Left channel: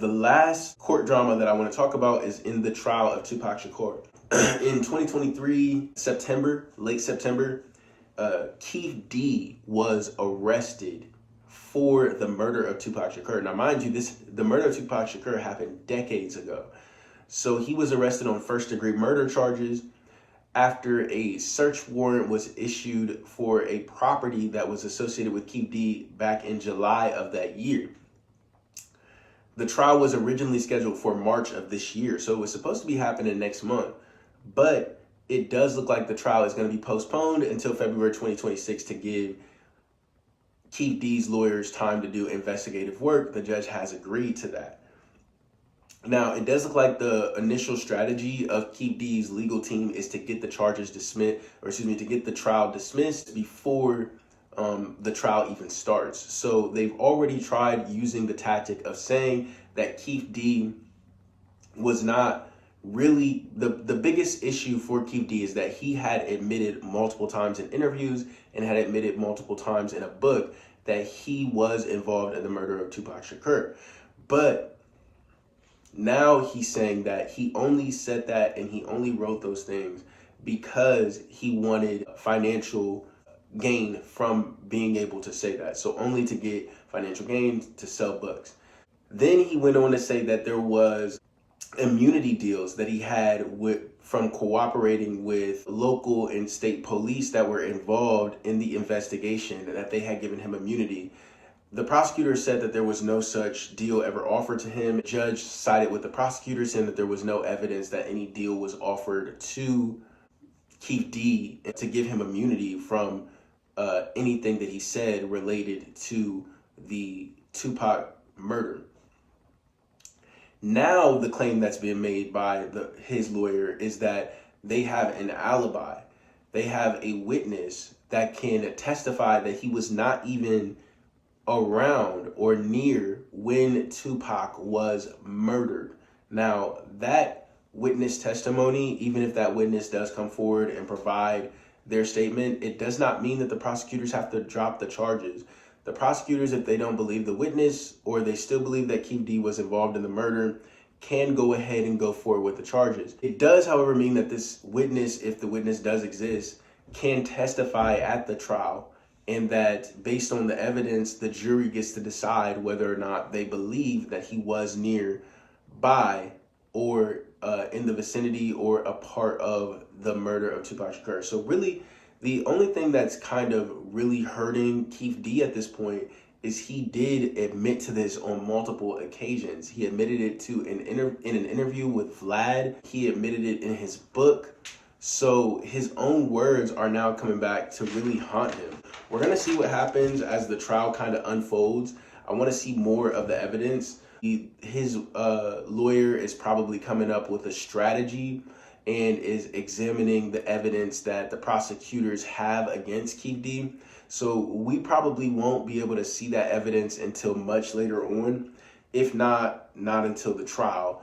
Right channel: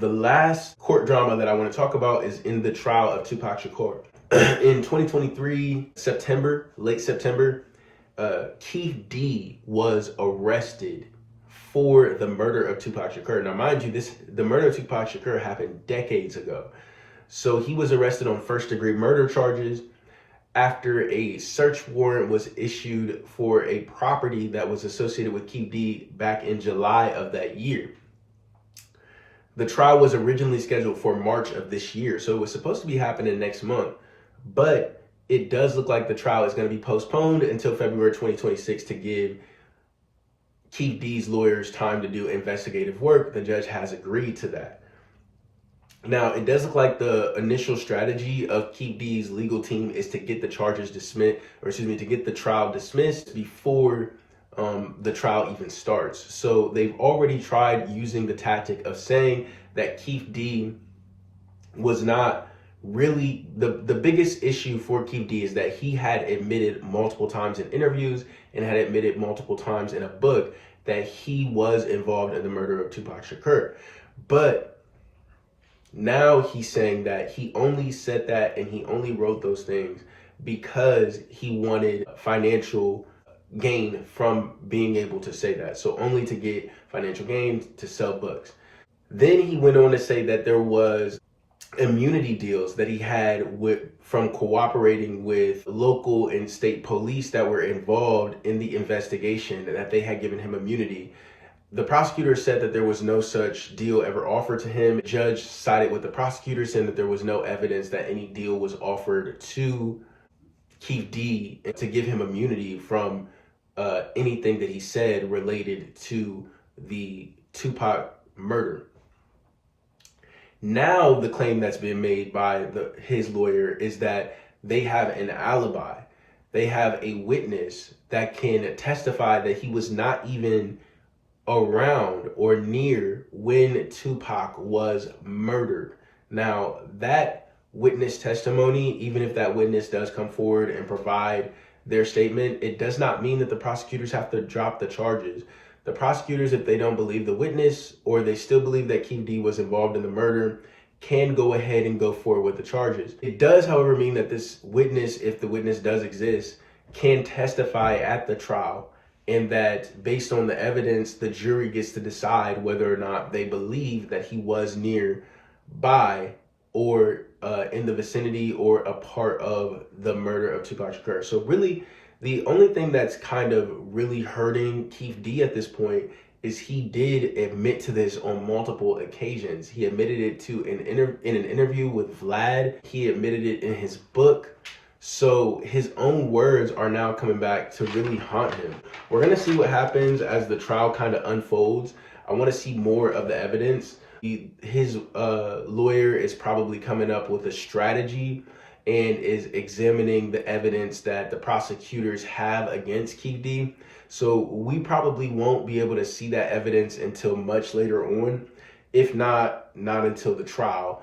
the last court drama that I want to talk about is in the trial of Tupac Shakur. In 2023, late September, Keefe D was arrested for the murder of Tupac Shakur. Now, mind you, the murder of Tupac Shakur happened decades ago. So he was arrested on first-degree murder charges after a search warrant was issued for a property that was associated with Keefe D back in July of that year. The trial was originally scheduled for March of this year, so it was supposed to be happening next month, but it does look like the trial is going to be postponed until February 2026 to give Keefe D's lawyers time to do investigative work. The judge has agreed to that. Now, it does look like the initial strategy of Keefe D's legal team is to get the charges dismissed, to get the trial dismissed before the trial even starts. So they've already tried using the tactic of saying that Keefe D was not really the biggest issue for Keefe D is that he had admitted multiple times in interviews and had admitted multiple times in a book that he was involved in the murder of Tupac Shakur. But now he's saying that he only said that and he only wrote those things because he wanted financial gain from being able to say that. So only to get financial gain to sell books. Then he went on to say that there was immunity deals that he had from cooperating with local and state police that were involved in the investigation, that they had given him immunity. The prosecutor said that there was no such deal ever offered to him. The judge sided with the prosecutor, saying that there was no evidence that any deal was offered to Keefe D to give him immunity from anything that he said related to the Tupac murder. Now the claim that's been made by his lawyer is that they have an alibi. They have a witness that can testify that he was not even around or near when Tupac was murdered. Now, that witness testimony, even if that witness does come forward and provide their statement, it does not mean that the prosecutors have to drop the charges. The prosecutors, if they don't believe the witness or they still believe that Keefe D was involved in the murder, can go ahead and go forward with the charges. It does, however, mean that this witness, if the witness does exist, can testify at the trial, and that based on the evidence, the jury gets to decide whether or not they believe that he was nearby or in the vicinity or a part of the murder of Tupac Shakur. So really, the only thing that's kind of really hurting Keefe D at this point is he did admit to this on multiple occasions. He admitted it in an interview with Vlad. He admitted it in his book. So his own words are now coming back to really haunt him. We're going to see what happens as the trial kind of unfolds. I want to see more of the evidence. His lawyer is probably coming up with a strategy and is examining the evidence that the prosecutors have against Keefe D. So we probably won't be able to see that evidence until much later on, if not until the trial,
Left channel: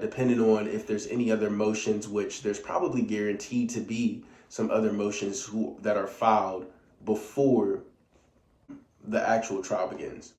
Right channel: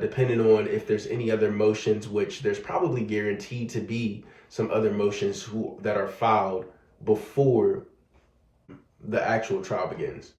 depending on if there's any other motions, which there's probably guaranteed to be some other motions that are filed before the actual trial begins.